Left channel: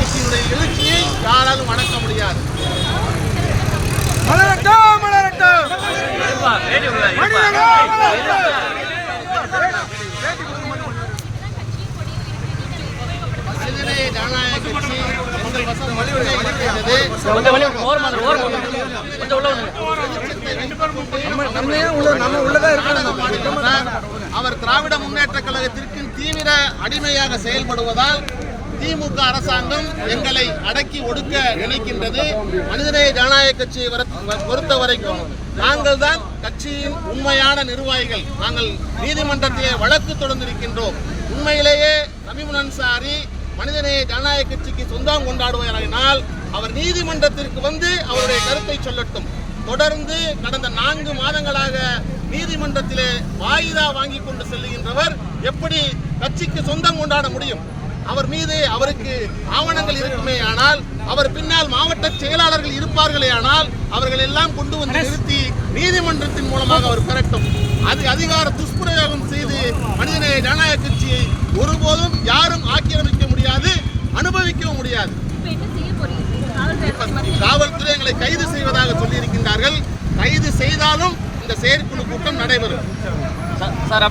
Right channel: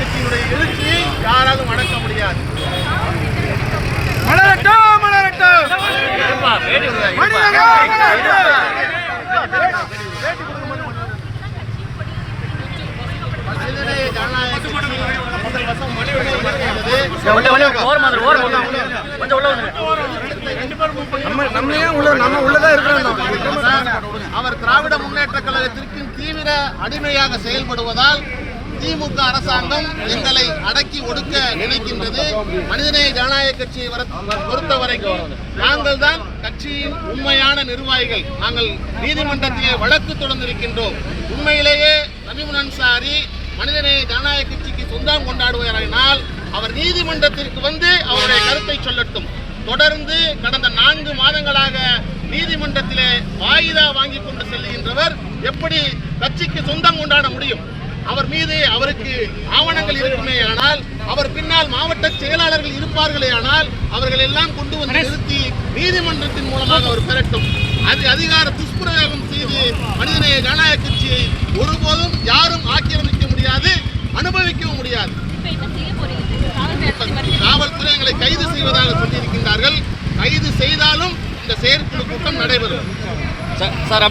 கட்சியினுடைய எழுச்சியை யாராலும் அடக்க முடியாது. மனிதநேய ஜனநாயக கட்சி எங்கள் வசம் மட்டுமே இருக்கின்றது. அவர் திராவிட முன்னேற்ற கழகத்திற்கு தீவிர அடிமையாக செயல்படுவதால் திமுக அரசாங்கம் எங்களை அடக்கி ஒடுக்க நினைக்கின்றது. மனிதநேய ஜனநாயக கட்சியை பொறுத்த வரைக்கும் நாங்கள் தான் கட்சியின் உண்மையான நிர்வாகிகள். நாங்கள் நீதிமன்றத்திலே வழக்கு தொடர்ந்திருக்கின்றோம். உண்மையிலேயே தமிமுன் அன்சாரி மனிதநேய ஜனநாயக கட்சிக்கு சொந்தம் கொண்டாடுவாரானால் அவர் நீதிமன்றத்திற்கு வந்து அவருடைய கருத்தை சொல்லட்டும். தொடர்ந்து கடந்த 4 மாதங்களாக நீதிமன்றத்திலே வாய்தா வாங்கி கொண்டு செல்லுகின்றவர் எப்படி கட்சிக்கு சொந்தம் கொண்டாட முடியும்? அவர் மீது அவருக்கு ஆவணங்கள் இருக்குமே ஆனால், அவர் பின்னால் மாவட்ட செயலாளர்கள் இருப்பார்களே ஆனால், அவர்கள் எல்லாம் கொண்டு வந்து நிறுத்தி நீதிமன்றத்தின் மூலமாக அவர் பெறட்டும். அது அதிகார துஷ்பிரயோகம் செய்து மனிதநேய ஜனநாயக கட்சியை ஒருபோதும் யாரும் ஆக்கிரமிக்க முடியாது, அனுபவிக்கவும் முடியாது. காவல்துறை எங்களை கைது செய்வதாக சொல்லியிருக்கின்றார்கள். கைது செய்தாலும் இந்த செயற்குழு கூட்டம் நடைபெறும்.